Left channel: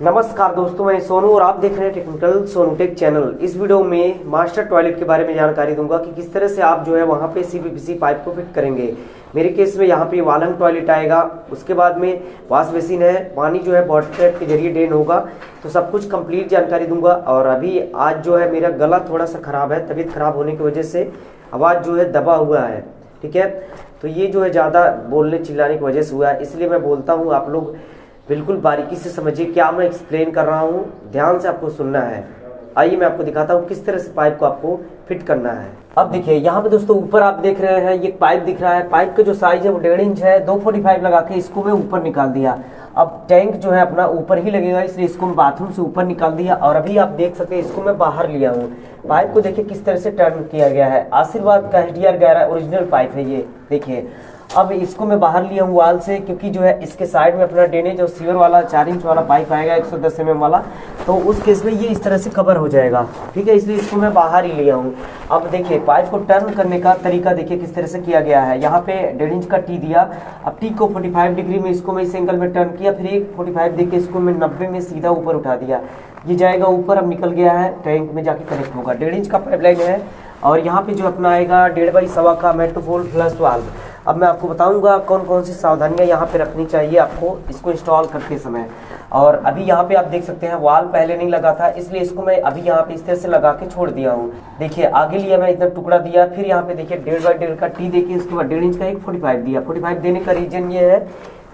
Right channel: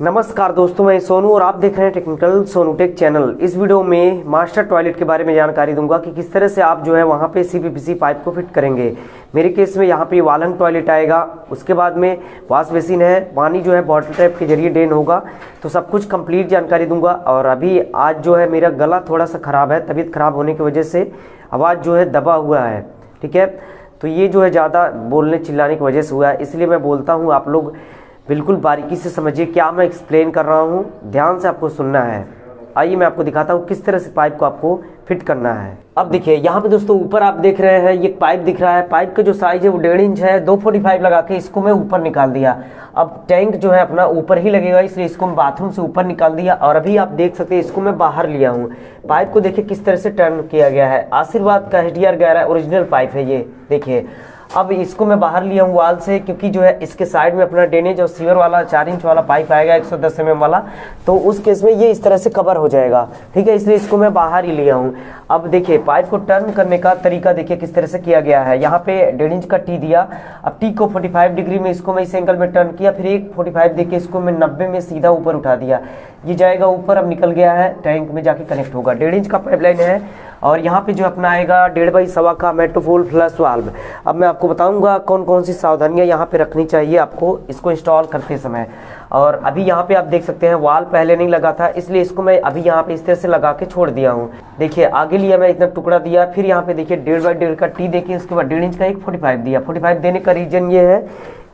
नमस्कार दोस्तों, मैं सोनू और आप देख रहे हैं टेक्निकल सोनू टेक चैनल। इस वीडियो में मास्टर टॉयलेट के बारे में जानकारी दूंगा कि किस तरह से आप जो है वहां पे सीपीवीसी पाइप को फिट करेंगे। मेरे केस में यहाँ पे वालन टॉयलेट आएगा, उसके बाद में वॉश बेसिन है, पानी जो है बॉटल टैप के जरिए ड्रेन होगा। तो सब कुछ कंप्लीट जानकारी दूंगा। और अभी आज जो है मेरा गला थोड़ा सा खराब है, तबीयत खराब होने की वजह से आवाज जो है दबा हुआ है, ठीक है। तो ये जो है ज्यादा बोलने चिल्लाने की वजह से हुआ है, इसलिए मैं बोलता हूँ आप लोग बिल्कुल बारीकी से समझिए क्या मैं एक्सप्लेन कर रहा हूँ, ध्यान से आपको सुनना है। आइए मैं आपको दिखाता हूँ किस तरह से पाइप को आपको फिट करना है। अब देखिए यहाँ पे दोस्तों ऊपर आप देख रहे हैं ये पाइप दिख रहा है। पाइप का जो साइज है वो 1.5 इंच है। 245 लगा के इसको मैं ऊपर निकाल दिया। अब टैंक जो है अपना ऊपर ही लगेगा, इसलिए इसको मैं बाथरूम से ऊपर निकाल दिया। और अभी आप देख सकते हैं इसको मैं बाहर लिया हूँ। पाइप को देखिए किस तरह से टर्न किया गया है। आशीर्वाद का HDR 11 ओरिजिनल पाइप है ये, देखिए। अब इसको मैं बाहर लिया हूँ वाल से, क्योंकि जो है इसके साइड में अपना ड्रेनेज और सीवर वाला 4 इंच वाला पाइप आएगा 110 mm वाला, तो उस केस में ये इस तरह से कवर हो जाएगा, ठीक है। इसलिए इसको मैं बाहर ही लिया हूँ। अब देखिए पाइप को टर्न करने का तरीका देखिए किस तरह से किया गया है। यहाँ पे 1.5 इंच का टी दिया। अब टी को 45 डिग्री में इसको मैं इस एंगल में टर्न किया, फिर एक 45 देके इसको मैं 90 में सीधा ऊपर उठा दिया। ये जाएगा ऊपर, अब निकल गया है, टैंक में जाके कनेक्ट होगा। 1.5 इंच का पाइपलाइन है। और यहाँ पे जो अपना आएगा 1.5 बाई 1.25 का मेट्रोपोल फ्लश वाल्व। अब मैं आपको बताऊंगा कौन कौन सी सावधानियां यहाँ पे रखनी चाहिए आपको इसको इंस्टॉल करते समय। और अभी यहाँ पे आप देख सकते हैं वाल पहले नहीं लगा था, इसलिए इसको मैं अभी यहाँ पे इस तरह से लगा के छोड़ दिया हूँ। देखिए आगे लिया मैं इतना टुकड़ा दिया, फिर यहाँ पे देखिए 1.5 बाई 1.5 का टी देखिए, उसके बाद 1.5 इंच का एक 45 दिया। 45 देने का रीजन ये है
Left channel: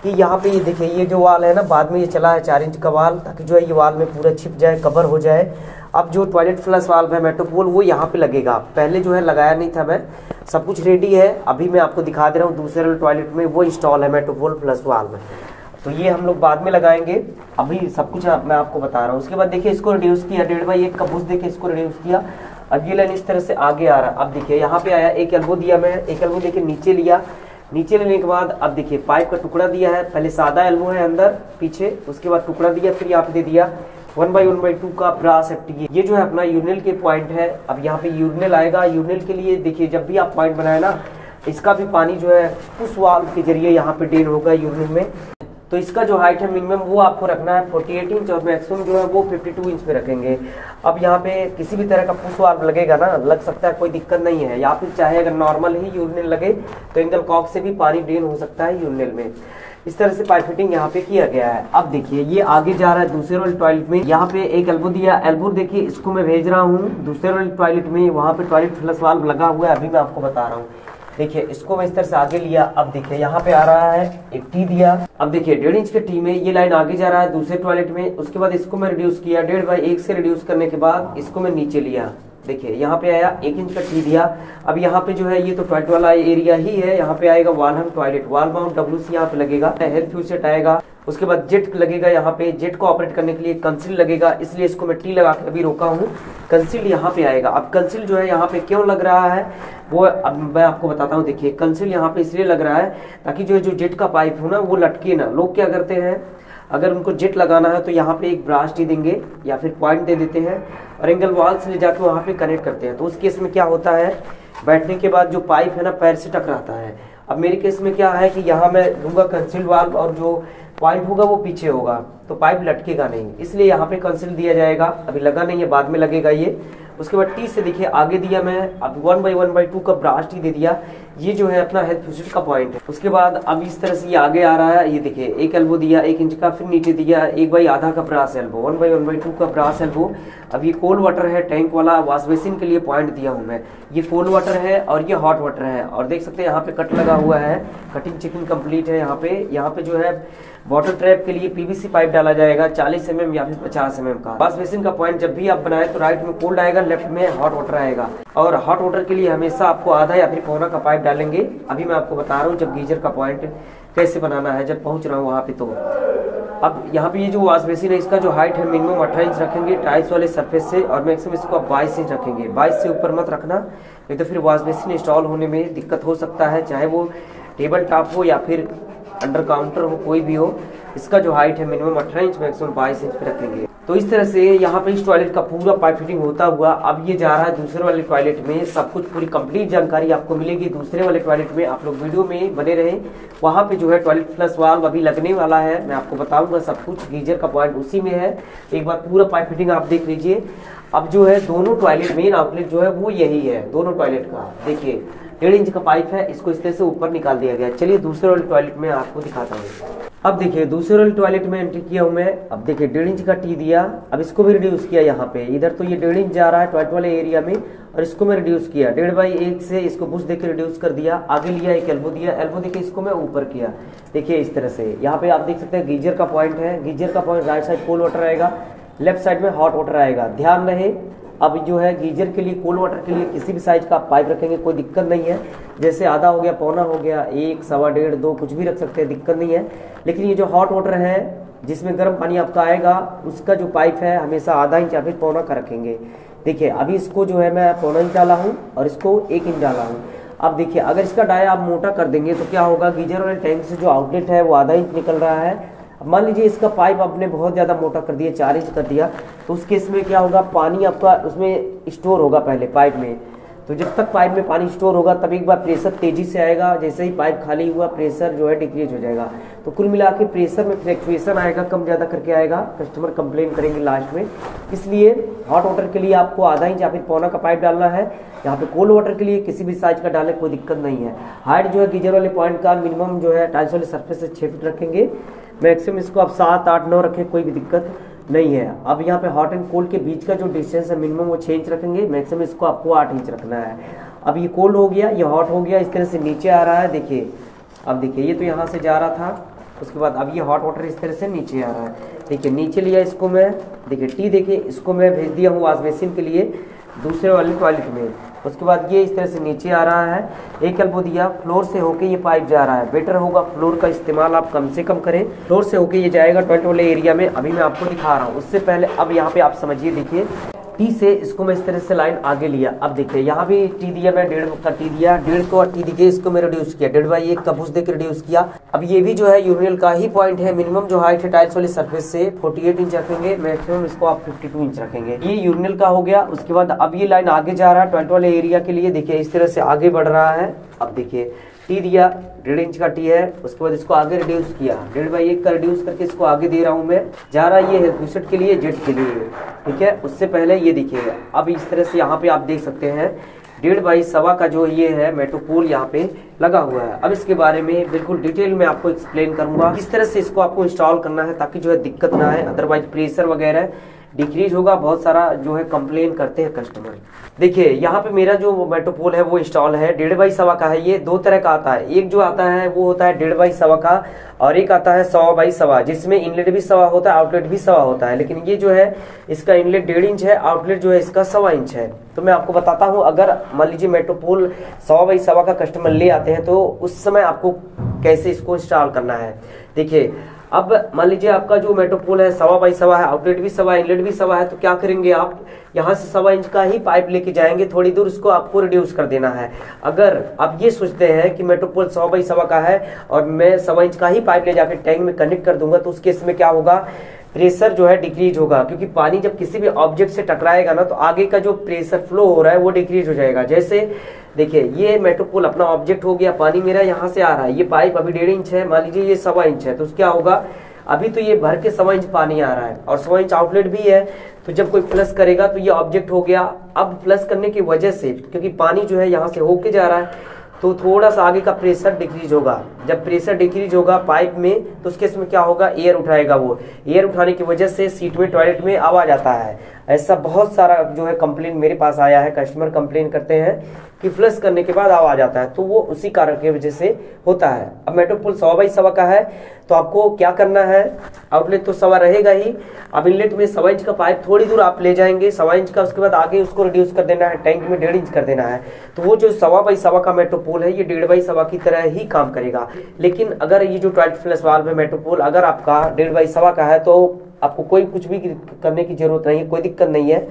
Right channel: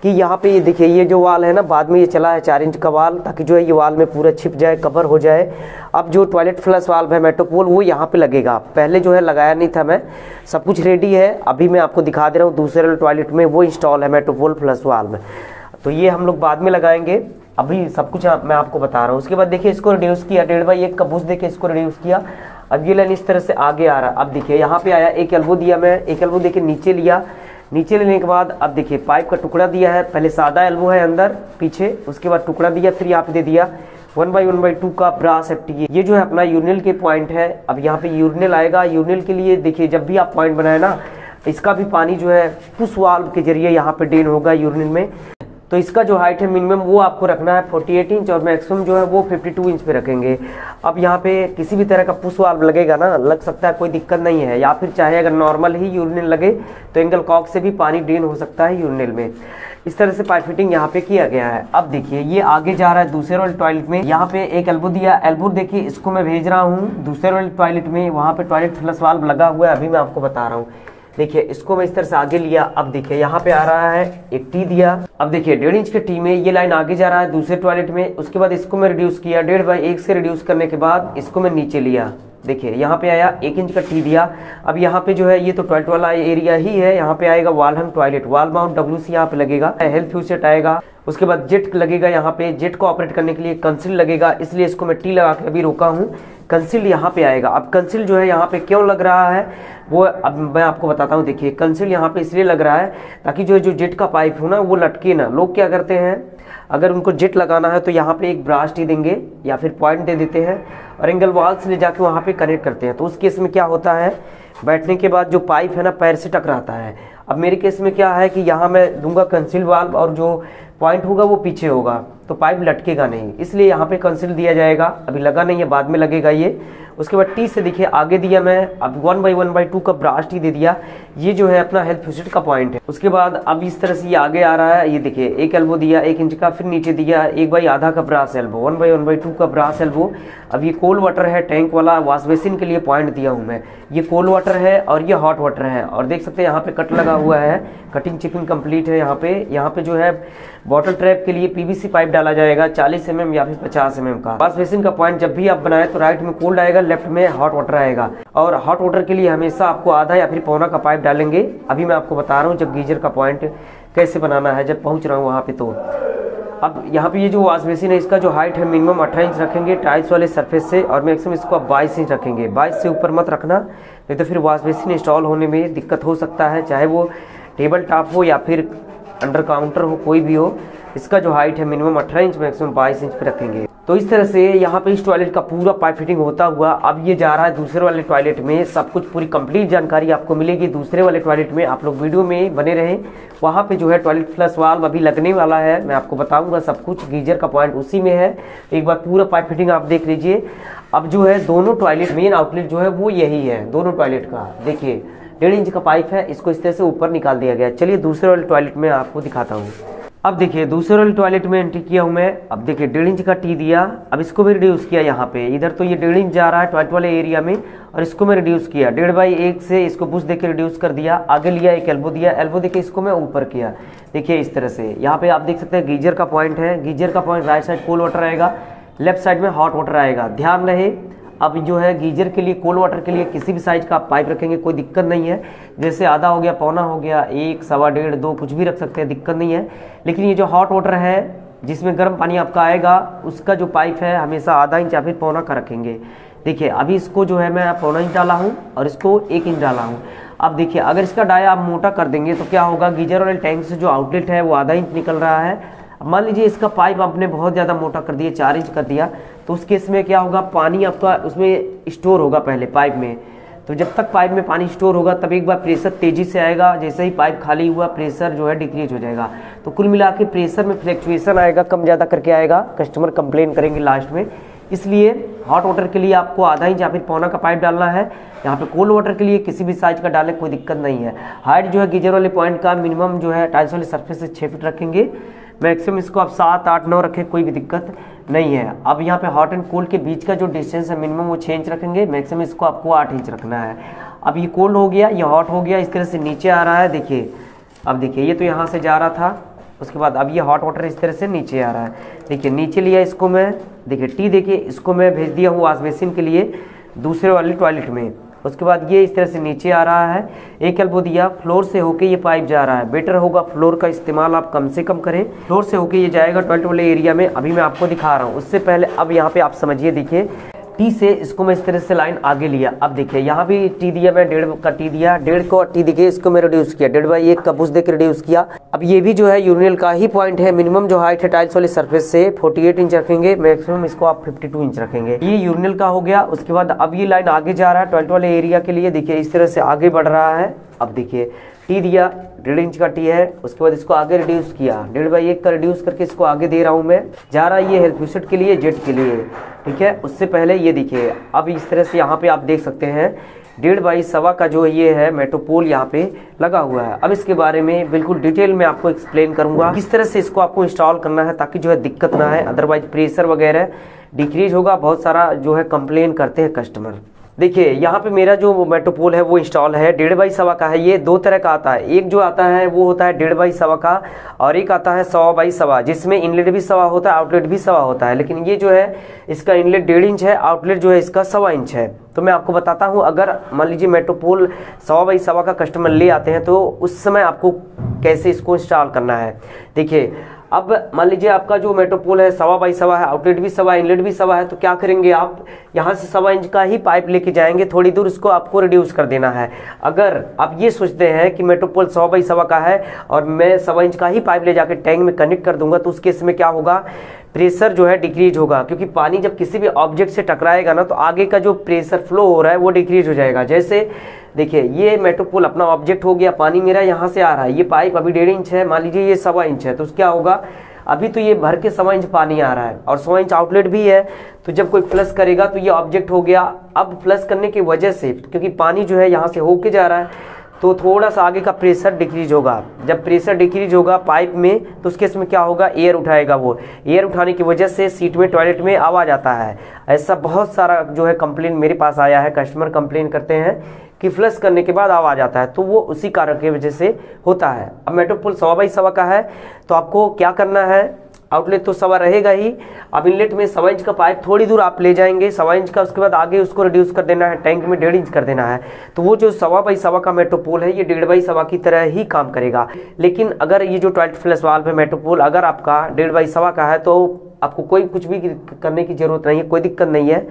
कि यहाँ पे ये देखिए ये जो वाल है ना, बाद में ये चला है 4 इंच का वाल, ताकि जो है ये वाल में पूरा छिप जाए, कवर हो जाए। अब जो टॉयलेट फ्लश वाल्व है मेट्रोपोल वो यहाँ पे लगेगा, पहले जो है लगाया नहीं था मैं। सब कुछ रेडी है, अभी मैं आपको दिखा दे रहा हूँ। दूसरे टॉयलेट में वो इंस्टॉल है मेट्रोपोल फ्लश वाल्व, तो ये हम लोग बाद में लगाएंगे, अभी सब कुछ मैं आपको बता रहा हूँ। उसके बाद देखिए इसको रिड्यूस किया, 1.5 बाई 1 का बुश देके इसको रिड्यूस किया। अब ये लाइन इस तरह से आगे आ रहा है। अब देखिए यहाँ पे आया, एक एल्बो दिया मैं, एक एल्बो देके नीचे लिया। नीचे लेने के बाद अब देखिए पाइप का टुकड़ा दिया है, पहले सादा एल्बो है अंदर पीछे, उसके बाद टुकड़ा दिया, फिर यहाँ पे दे दिया 1 बाई 1/2 का ब्रास सेफ्टी। ये जो है अपना यूरिनल के पॉइंट है। अब यहाँ पे यूरिनल आएगा। यूरिनल के लिए देखिए जब भी आप पॉइंट बनाए ना, इसका भी पानी जो है उस वाल्व के जरिए यहाँ पे ड्रेन होगा यूरिनल में। तो इसका जो हाइट है मिनिमम वो आपको रखना है 48 इंच और मैक्सिमम जो है वो 52 इंच पे रखेंगे। अब यहाँ पे किसी भी तरह का पुश वाल्व लगेगा ना, लग सकता है, कोई दिक्कत नहीं है। या फिर चाहे अगर नॉर्मल ही यूरिनल लगे तो एंगल कॉक से भी पानी ड्रेन हो सकता है यूरिनल में। इस तरह से पाइप फिटिंग यहाँ पे किया गया है। अब देखिए ये आगे जा रहा है दूसरे वाले टॉयलेट में। यहाँ पे एक एल्बो दिया, एल्बो देखिए इसको मैं भेज रहा हूँ दूसरे वाले टॉयलेट में। वहां पे टॉयलेट फ्लश वाल्व लगा हुआ है, अभी मैं आपको बता रहा हूँ। देखिए इसको मैं इस तरह से आगे लिया। अब देखिए यहाँ पे आ रहा है एक टी दिया। अब देखिए 1.5 इंच के टी में ये लाइन आगे जा रहा है दूसरे टॉयलेट में। उसके बाद इसको मैं रिड्यूस किया, 1.5 बाई 1 से रिड्यूस करने के बाद इसको मैं नीचे लिया। देखिए यहाँ पे आया 1 इंच का टी दिया। अब यहाँ पे जो है ये तो टॉयलेट वाला एरिया ही है। यहाँ पे आएगा वालहम टॉयलेट, वाल माउंट WC यहाँ पे लगेगा, हेल्थ फ्यूज सेट आएगा। उसके बाद जेट लगेगा। यहाँ पे जेट को ऑपरेट करने के लिए कंसिल लगेगा, इसलिए इसको मैं टी लगा के अभी रोका हूँ। कंसिल यहाँ पे आएगा। अब कंसिल जो है यहाँ पे क्यों लग रहा है वो अब मैं आपको बताता हूँ। देखिए कंसिल यहाँ पे इसलिए लग रहा है ताकि जो जेट का पाइप हो ना वो लटके ना। लोग क्या करते हैं, अगर उनको जेट लगाना है तो यहाँ पे एक ब्रास टी देंगे या फिर पॉइंट दे देते हैं और एंगल वॉल से ले जाके वहां पे कनेक्ट करते हैं। तो उस केस में क्या होता है, बैठने के बाद जो पाइप है ना पैर से टकराता है। अब मेरे केस में क्या है कि यहाँ मैं दूंगा कंसील वाल्व और जो पॉइंट होगा वो पीछे होगा, तो पाइप लटकेगा नहीं, इसलिए यहाँ पे कंसील दिया जाएगा। अभी लगा नहीं है, बाद में लगेगा ये। उसके बाद टी से देखिए आगे दिया मैं, अब 1 बाई 1/2 का ब्रास टी दे दिया। ये जो है अपना हेल्थ फ्यूज का पॉइंट है। उसके बाद अब इस तरह से ये आगे आ रहा है। ये देखिए एक एल्बो दिया 1 इंच का, फिर नीचे दिया 1 बाई आधा का ब्रास एल्बो, 1 बाई 1/2 का ब्रास एल्बो। अब ये कोल्ड वाटर है टैंक वाला, वॉश बेसिन के लिए पॉइंट दिया हूँ मैं। ये कोल्ड वाटर है और ये हॉट वाटर है। और देख सकते हैं यहाँ पे कट लगा हुआ है, कटिंग चिपिंग कंप्लीट है। यहाँ पे जो है बॉटल ट्रैप के लिए PVC पाइप डाला जाएगा 40 mm या फिर 50 mm का। वॉश बेसिन का पॉइंट जब भी आप बनाए तो राइट में कोल्ड आएगा, लेफ्ट में हॉट वाटर आएगा। और हॉट वाटर के लिए हमेशा आपको आधा या फिर पौना का पाइप डालेंगे। अभी मैं आपको बता रहा हूँ जब गीजर का पॉइंट कैसे बनाना है, जब पहुंच रहा हूँ वहां पे। तो अब यहाँ पे ये जो वॉश बेसिन है इसका जो हाइट है मिनिमम 18 इंच रखेंगे टाइल्स वाले सरफेस से, और मैक्सिमम इसको आप 22 इंच रखेंगे। 22 से ऊपर मत रखना, नहीं तो फिर वॉश बेसिन इंस्टॉल होने में दिक्कत हो सकता है, चाहे वो टेबल टॉप हो या फिर अंडर काउंटर हो, कोई भी हो। इसका जो हाइट है मिनिमम 18 इंच, मैक्सिमम 22 इंच पे रखेंगे। तो इस तरह से यहाँ पे इस टॉयलेट का पूरा पाइप फिटिंग होता हुआ अब ये जा रहा है दूसरे वाले टॉयलेट में। सब कुछ पूरी कंप्लीट जानकारी आपको मिलेगी दूसरे वाले टॉयलेट में, आप लोग वीडियो में बने रहें। वहां पे जो है टॉयलेट फ्लश वाल्व अभी लगने वाला है, मैं आपको बताऊंगा सब कुछ। गीजर का पॉइंट उसी में है, एक बार पूरा पाइप फिटिंग आप देख लीजिए। अब जो है दोनों टॉयलेट मेन आउटलेट जो है वो यही है दोनों टॉयलेट का। देखिए 1.5 इंच का पाइप है, इसको इस तरह से ऊपर निकाल दिया गया है। चलिए दूसरे वाले टॉयलेट में आपको दिखाता हूँ। अब देखिए दूसरे वाले टॉयलेट में एंट्री किया हूं मैं। अब देखिए 1.5 इंच का टी दिया, अब इसको भी रिड्यूस किया यहाँ पे। इधर तो ये 1.5 इंच जा रहा है टॉयलेट वाले एरिया में और इसको मैं रिड्यूस किया 1.5/1 से, इसको बुश देके रिड्यूस कर दिया। आगे लिया एक एल्बो दिया, एल्बो देके इसको मैं ऊपर किया। देखिए इस तरह से यहाँ पे आप देख सकते हैं गीजर का पॉइंट है। गीजर का point right side cold water आएगा, लेफ्ट साइड में हॉट वाटर आएगा। ध्यान रहे अब जो है गीजर के लिए कोल्ड वाटर के लिए किसी भी साइज का आप पाइप रखेंगे कोई दिक्कत नहीं है। जैसे आधा हो गया, पौना हो गया, 1, सवा, 1.5, 2 कुछ भी रख सकते हैं, दिक्कत नहीं है। लेकिन ये जो हॉट वाटर है जिसमें गर्म पानी आपका आएगा उसका जो पाइप है हमेशा आधा इंच या फिर पौना का रखेंगे। देखिए अभी इसको जो है मैं पौना इंच डाला हूँ और इसको 1 इंच डाला हूँ। अब देखिए अगर इसका डाया आप मोटा कर देंगे तो क्या होगा, गीजर वाले टैंक से जो आउटलेट है वो आधा इंच निकल रहा है। मान लीजिए इसका पाइप आपने बहुत ज्यादा मोटा कर दिया, 4 इंच कर दिया, तो उस केस में क्या होगा, पानी आपका उसमें स्टोर होगा पहले पाइप में। तो जब तक पाइप में पानी स्टोर होगा तब एक बार प्रेशर तेजी से आएगा, जैसे ही पाइप खाली हुआ प्रेशर जो है डिक्रीज हो जाएगा। तो कुल मिला के प्रेशर में फ्लक्चुएशन आएगा, कम ज्यादा करके आएगा, कस्टमर कंप्लेन करेंगे लास्ट में। इसलिए हॉट वाटर के लिए आपको आधा इंच या फिर पौना का पाइप डालना है। यहाँ पे कोल्ड वाटर के लिए किसी भी साइज का डालें, कोई दिक्कत नहीं है। हाइट जो है गीजर वाले पॉइंट का मिनिमम जो है टाइल्स वाले सरफेस से 6 फीट रखेंगे, मैक्सिमम इसको आप 7, 8, 9 रखें, कोई भी दिक्कत नहीं है। अब यहाँ पे हॉट एंड कोल्ड के बीच का जो डिस्टेंस है मिनिमम वो 6 इंच रखेंगे, मैक्सिमम इसको आपको 8 इंच रखना है। अब ये कोल्ड हो गया, ये हॉट हो गया, इस तरह से नीचे आ रहा है। देखिए अब देखिए ये तो यहाँ से जा रहा था, उसके बाद अब ये हॉट वाटर इस तरह से नीचे आ रहा है। देखिए नीचे लिया इसको मैं, देखिए टी देखिए इसको मैं भेज दिया हूँ वॉश बेसिन के लिए दूसरे वाले टॉयलेट में। उसके बाद ये इस तरह से नीचे आ रहा है, एक एल्बो दिया, फ्लोर से होके ये पाइप जा रहा है। बेटर होगा फ्लोर का इस्तेमाल आप कम से कम करें, फ्लोर से होके ये जाएगा टॉयलेट वाले एरिया में। अभी मैं आपको दिखा रहा हूँ, उससे पहले अब यहाँ पे आप समझिए। देखिए टी से इसको मैं इस तरह से लाइन आगे लिया। अब देखिए यहाँ भी टी दिया मैं, 1.5 का टी दिया, 1.5 को टी देखिए इसको मैं रिड्यूस किया, 1.5/1 का बुश देकर रिड्यूस किया। अब ये भी जो है यूरिनल का ही पॉइंट है। मिनिमम जो हाइट है टाइल्स वाले सरफेस से 48 इंच रखेंगे, मैक्सिमम इसको आप 52 इंच रखेंगे। ये यूरिनल का हो गया। उसके बाद अब ये लाइन आगे जा रहा है टॉयलेट वाले एरिया के लिए। देखिए इस तरह से आगे बढ़ रहा है। अब देखिए टी दिया, 1.5 इंच का टी है, उसके बाद इसको आगे रिड्यूस किया, 1.5/1 का रिड्यूस करके इसको आगे दे रहा हूं मैं। जा रहा है ये हेल्थ यूसेट के लिए, जेट के लिए, ठीक है। उससे पहले ये देखिए अब इस तरह से यहाँ पे आप देख सकते हैं 1.5/1 का जो ये है मेट्रोपोल यहाँ पे लगा हुआ है। अब इसके बारे में बिल्कुल डिटेल में आपको एक्सप्लेन करूंगा किस तरह से इसको आपको इंस्टॉल करना है ताकि जो है दिक्कत ना है, अदरवाइज प्रेशर वगैरह डिक्रीज होगा। बहुत सारा जो है कंप्लेन करते हैं कस्टमर। देखिए यहाँ पे मेरा जो मेट्रोपोल है वो इंस्टॉल है, 1.5/1 का है। ये 2 तरह का आता है, एक जो आता है वो होता है 1.5/1 का और एक आता है 100/1 जिसमें इनलेट भी 100 होता है, आउटलेट भी 100 होता है। लेकिन ये जो है इसका इनलेट 1.5 इंच है, आउटलेट जो है इसका 1.25 इंच है। तो मैं आपको बताता हूँ, अगर मान लीजिए मेट्रोपोल 100/1 का कस्टमर ले आते हैं तो उस समय आपको कैसे इसको इंस्टॉल करना है। देखिए अब मान लीजिए आपका जो मेट्रोपोल है 100/1 है, आउटलेट भी 100, इनलेट भी 100 है, तो क्या करेंगे आप यहाँ से 1.25 इंच का ही पाइप लेके जाएंगे, थोड़ी दूर इसको आपको रिड्यूस कर देना है। अगर आप ये सोचते हैं कि मेट्रोपोल 100/1 का है और मैं 1.25 इंच का ही पाइप ले जाकर टैंक में कनेक्ट कर दूंगा, तो उस केस में क्या होगा, प्रेशर जो है डिक्रीज होगा। क्योंकि पानी जब किसी भी ऑब्जेक्ट से टकराएगा ना तो आगे का जो प्रेशर फ्लो हो रहा है वो डिक्रीज हो जाएगा। जैसे देखिए ये मेट्रोपोल अपना ऑब्जेक्ट हो गया, पानी मेरा यहाँ से आ रहा है, ये पाइप अभी 1.5 इंच है, मान लीजिए ये 1.25 इंच है, तो क्या होगा, अभी तो ये भर के 1.25 इंच पानी आ रहा है और 100 इंच आउटलेट भी है। तो जब कोई फ्लश करेगा तो ये ऑब्जेक्ट हो गया। अब फ्लश करने की वजह से क्योंकि पानी जो है यहाँ से होके जा रहा है तो थोड़ा सा आगे का प्रेशर डिक्रीज होगा। जब प्रेशर डिक्रीज होगा पाइप में तो उसके इसमें क्या होगा, एयर उठाएगा। वो एयर उठाने की वजह से सीट में टॉयलेट में आवाज आता है। ऐसा बहुत सारा जो है कंप्लेन मेरे पास आया है, कस्टमर कंप्लेन करते हैं कि फ्लश करने के बाद आवाज आता है, तो वो उसी कारण की वजह से होता है। अब मेट्रोपोल 100/1 का है तो आपको क्या करना है, आउटलेट तो 100 रहेगा ही। अब इनलेट में 1.25 इंच का पाइप थोड़ी दूर आप ले जाएंगे, 1.25 इंच का, उसके बाद आगे उसको रिड्यूस कर देना है, टैंक में 1.5 इंच कर देना है। तो वो जो 100/1 का मेट्रोपोल है ये 1.5/1 की तरह ही काम करेगा। लेकिन अगर ये जो टॉयलेट फ्लश वाल्व है मेट्रोपोल अगर आपका 1.5/1 का है तो आपको कोई कुछ भी करने की जरूरत नहीं है, कोई दिक्कत नहीं है।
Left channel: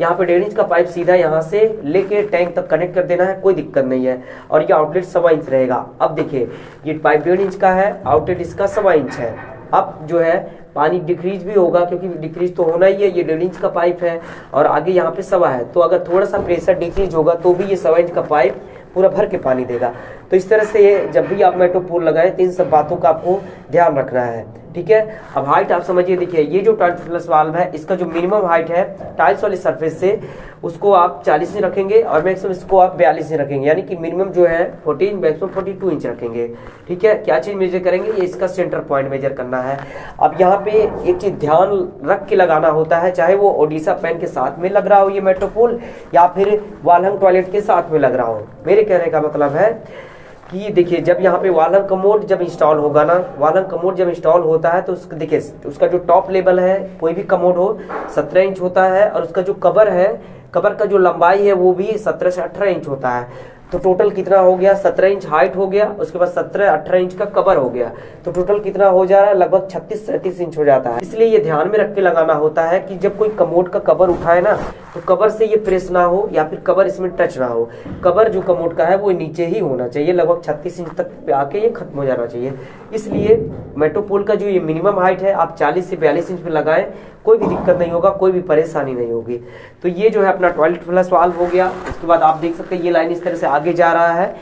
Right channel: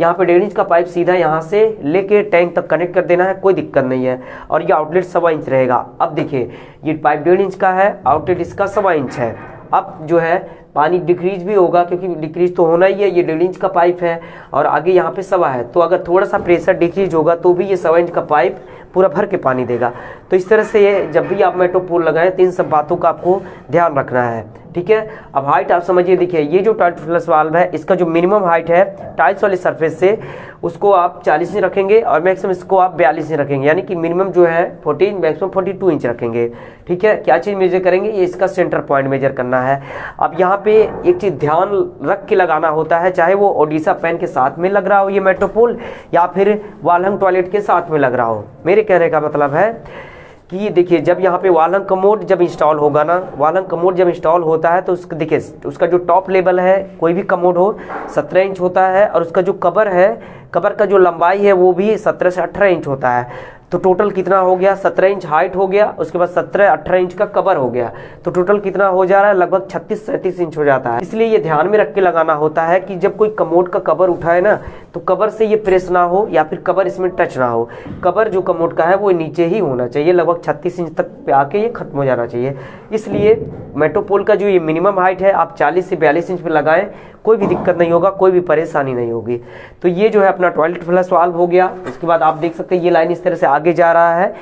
यहाँ पे 1.5 इंच का पाइप सीधा यहाँ से लेके टैंक तक कनेक्ट कर देना है, कोई दिक्कत नहीं है। और ये आउटलेट 1.25 इंच रहेगा। अब देखिए ये पाइप 1.5 इंच का है, आउटलेट इसका 1.25 इंच है। अब जो है पानी डिक्रीज भी होगा, क्योंकि डिक्रीज तो होना ही है, ये 1.5 इंच का पाइप है और आगे यहाँ पे 1.25 है, तो अगर थोड़ा सा प्रेशर डिक्रीज होगा तो भी ये 1.25 इंच का पाइप पूरा भर के पानी देगा। तो इस तरह से ये जब भी आप मेटोपोल लगाएं तो इन सब बातों का आपको ध्यान रखना है, ठीक है। अब हाइट आप समझिए, देखिए ये जो टॉयलेट फ्लश वाल्व है इसका जो मिनिमम हाइट है टाइल्स वाले सरफेस से उसको आप 40 इंच रखेंगे और मैक्सिमम इसको आप 42 इंच रखेंगे, यानी कि मिनिमम जो है 14 मैक्सिमम 42 इंच रखेंगे, ठीक है। क्या चीज मेजर करेंगे, ये इसका सेंटर पॉइंट मेजर करना है। अब यहाँ पे एक चीज ध्यान रख के लगाना होता है, चाहे वो ओडिशा पैन के साथ में लग रहा हो ये मेट्रोपोल या फिर वालहंग टॉयलेट के साथ में लग रहा हो। मेरे कहने का मतलब है कि देखिए जब यहाँ पे वालहंग कमोड जब इंस्टॉल होगा ना, वालहंग कमोड जब इंस्टॉल होता है तो उसका देखिए उसका जो टॉप लेवल है कोई भी कमोड हो 17 इंच होता है और उसका जो कवर है, कवर का जो लंबाई है वो भी 17 से 18 इंच होता है। तो टोटल कितना हो गया, 17 इंच हाइट हो गया, उसके बाद 17-18 इंच का कवर हो गया, तो टोटल कितना हो जा रहा है, लगभग 36-37 इंच हो जाता है। इसलिए ये ध्यान में रख के लगाना होता है कि जब कोई कमोड का कवर उठाए ना तो कवर से ये प्रेस ना हो या फिर कवर इसमें टच ना हो। कवर जो कमोड का है वो नीचे ही होना चाहिए, लगभग 36 इंच तक पे आके ये खत्म हो जाना चाहिए। इसलिए मेट्रोपोल का जो ये मिनिमम हाइट है आप 40 से 42 इंच पे लगाएं, कोई भी दिक्कत नहीं होगा, कोई भी परेशानी नहीं होगी। तो ये जो है अपना टॉयलेट फ्लश वाल्व हो गया। उसके बाद आप देख सकते हैं ये लाइन इस तरह से आगे जा रहा है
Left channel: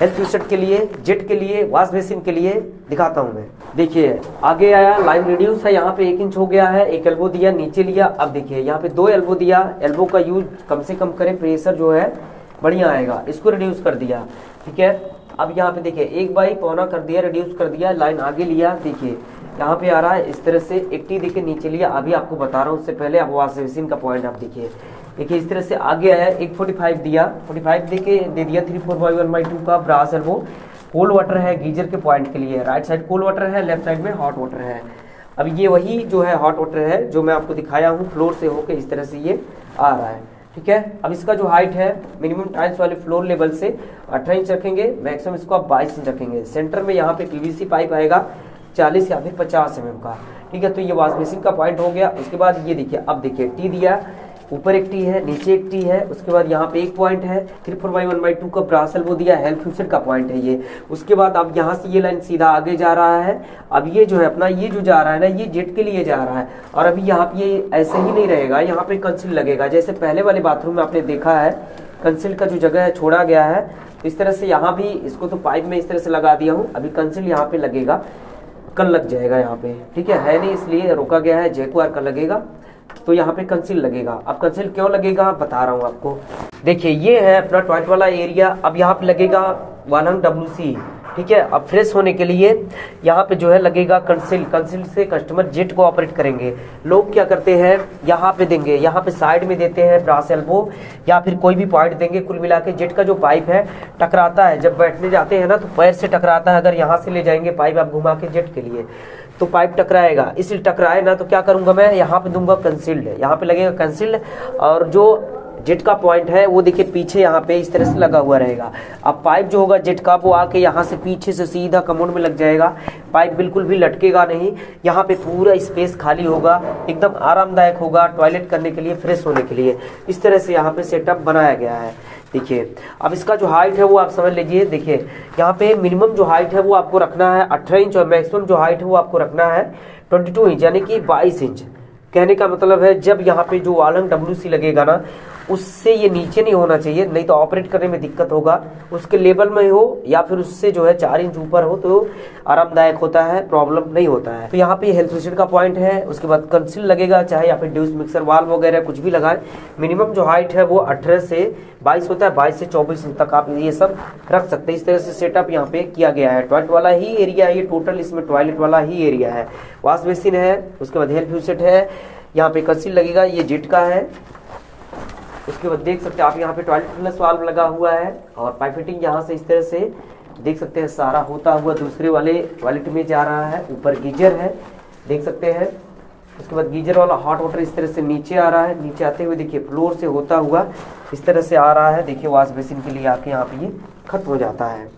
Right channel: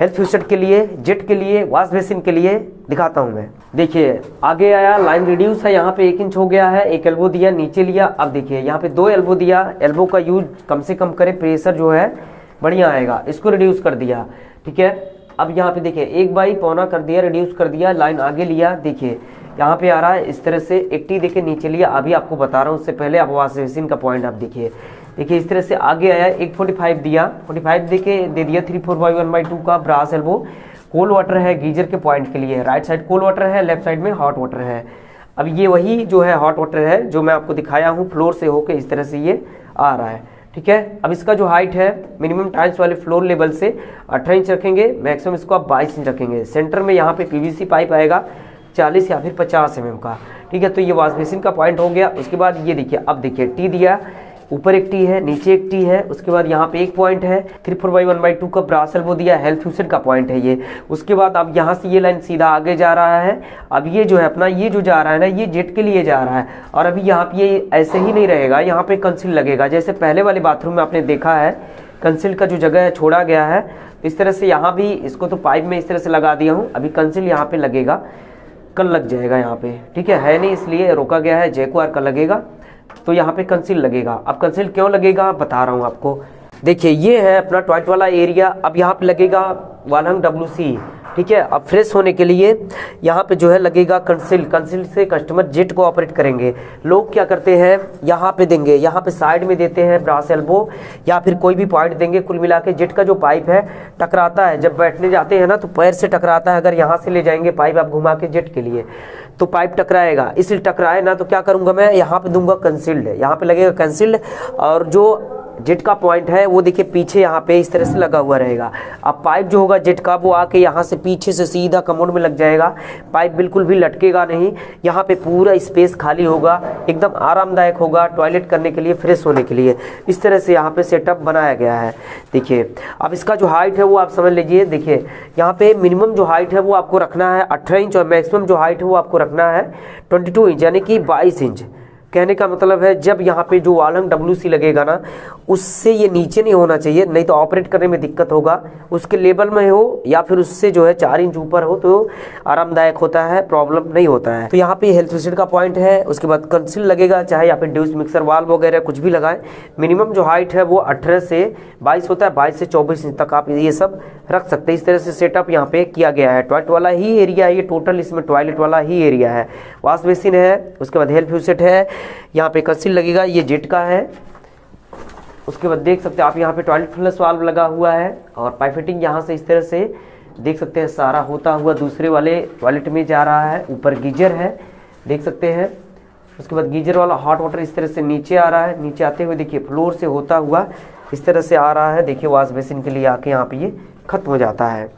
हेल्थ यूसेट के लिए, जेट के लिए, वॉश बेसिन के लिए। दिखाता हूं मैं, देखिए आगे आया, लाइन रिड्यूस है, यहाँ पे 1 इंच हो गया है, एक एल्बो दिया नीचे लिया। अब देखिए यहाँ पे 2 एल्बो दिया, एल्बो का यूज कम से कम करें, प्रेशर जो है बढ़िया आएगा, इसको रिड्यूस कर दिया, ठीक है। अब यहाँ पे देखिए 1/4 कर दिया, रिड्यूस कर दिया, लाइन आगे लिया, देखिए यहाँ पे आ रहा है इस तरह से 80 देखिए नीचे लिया। अभी आपको बता रहा हूँ, उससे पहले आप वॉश बेसिन का पॉइंट आप देखिए इस तरह से आगे आया, 145 दिया, 45 दे दिया 3/4/1/2 का ब्रास एल्बो। कोल्ड वाटर है गीजर के पॉइंट के लिए, राइट साइड कोल्ड वाटर है, लेफ्ट साइड में हॉट वाटर है। अब ये वही जो है हॉट वाटर है जो मैं आपको दिखाया हूँ, फ्लोर से होके इस तरह से ये आ रहा है, ठीक है। अब इसका जो हाइट है मिनिमम टाइल्स वाले फ्लोर लेवल से 18 इंच रखेंगे, मैक्सिमम इसको आप 22 इंच रखेंगे। सेंटर में यहाँ पे पीवीसी पाइप आएगा 40 या फिर 50 mm का, ठीक है। तो ये वॉश बेसिन का पॉइंट हो गया। उसके बाद ये देखिए, अब देखिए टी दिया, ऊपर एक टी है, नीचे एक टी है, उसके बाद यहाँ पे एक पॉइंट है, 3/4/1/2 का ब्रास एल्बो दिया, हेल्थ यूसेट का पॉइंट है ये। उसके बाद अब यहाँ से ये लाइन सीधा आगे जा रहा है। अब ये जो है अपना ये जो जा रहा है ना, ये जेट के लिए जा रहा है। और अभी यहाँ पे ये ऐसे ही नहीं रहेगा, यहाँ पे कंसील लगेगा, जैसे पहले वाले बाथरूम में आपने देखा है कंसील का जो जगह है छोड़ा गया है, इस तरह से यहाँ भी इसको तो पाइप में इस तरह से लगा दिया हूँ। अभी कंसील यहाँ पे लगेगा, कल लग जाएगा यहाँ पे, ठीक है नहीं इसलिए रोका गया है, जैकवार का लगेगा, तो यहाँ पे कंसील लगेगा। अब कंसील क्यों लगेगा बता रहा हूँ आपको। देखिए ये है अपना टॉयलेट वाला एरिया। अब यहाँ पे लगेगा वालहंग WC, ठीक है। अब फ्रेश होने के लिए यहाँ पे जो है लगेगा कंसील, कंसील से कस्टमर जेट को ऑपरेट करेंगे। लोग क्या करते हैं, यहाँ पे देंगे, यहाँ पे साइड में देते हैं ब्रास एल्बो या फिर कोई भी पॉइंट देंगे। कुल मिला के जेट का जो पाइप है टकराता है, जब बैठने जाते हैं ना तो पैर से टकराता है। अगर यहाँ से ले जाएंगे पाइप आप घुमा के जेट के लिए तो पाइप टकराएगा, इसलिए टकराए ना तो क्या करूंगा मैं, यहाँ पे दूंगा कंसील्ड, यहाँ पे लगेगा कंसील्ड। और जो जेट का पॉइंट है वो देखिए पीछे यहाँ पे इस तरह से लगा हुआ रहेगा। अब पाइप जो होगा जेट का वो आके यहाँ से पीछे से सीधा कमोड में लग जाएगा, पाइप बिल्कुल भी लटकेगा नहीं। यहाँ पे पूरा स्पेस खाली होगा, एकदम आरामदायक होगा टॉयलेट करने के लिए, फ्रेश होने के लिए। इस तरह से यहाँ पे सेटअप बनाया गया है। देखिए अब इसका जो हाइट है वो आप समझ लीजिए, देखिए यहाँ पे मिनिमम जो हाइट है वो आपको रखना है 18 इंच और मैक्सिमम जो हाइट है वो आपको रखना है 22 इंच, यानी कि 22 इंच। कहने का मतलब है जब यहाँ पे जो वालहंग WC लगेगा ना उससे ये नीचे नहीं होना चाहिए, नहीं तो ऑपरेट करने में दिक्कत होगा। उसके लेवल में हो या फिर उससे जो है 4 इंच ऊपर हो तो आरामदायक होता है, प्रॉब्लम नहीं होता है। तो यहाँ पे हेल्थ यूसेट का पॉइंट है। उसके बाद कंसील लगेगा, चाहे यहाँ पे ड्यूस मिक्सर वाल्व वगैरह कुछ भी लगाए। मिनिमम जो हाइट है वो 18 से 22 होता है, 22 से 24 इंच तक आप ये सब रख सकते हैं। इस तरह से सेटअप यहाँ पे किया गया है। टॉयलेट वाला ही एरिया है ये टोटल, इसमें टॉयलेट वाला ही एरिया है। वॉश बेसिन है, उसके बाद हेल्थ यूसेट है, यहाँ पे कंसील लगेगा, ये जेट का है। उसके बाद देख सकते हैं आप यहाँ पे टॉयलेट फ्लश वाल्व लगा हुआ है और पाइप फिटिंग यहाँ से इस तरह से देख सकते हैं सारा होता हुआ दूसरे वाले टॉयलेट में जा रहा है। ऊपर गीजर है, देख सकते हैं। उसके बाद गीजर वाला हॉट वाटर इस तरह से नीचे आ रहा है, नीचे आते हुए देखिए फ्लोर से होता हुआ इस तरह से आ रहा है। देखिए वॉश बेसिन के लिए आके यहाँ पे ये खत्म हो जाता है।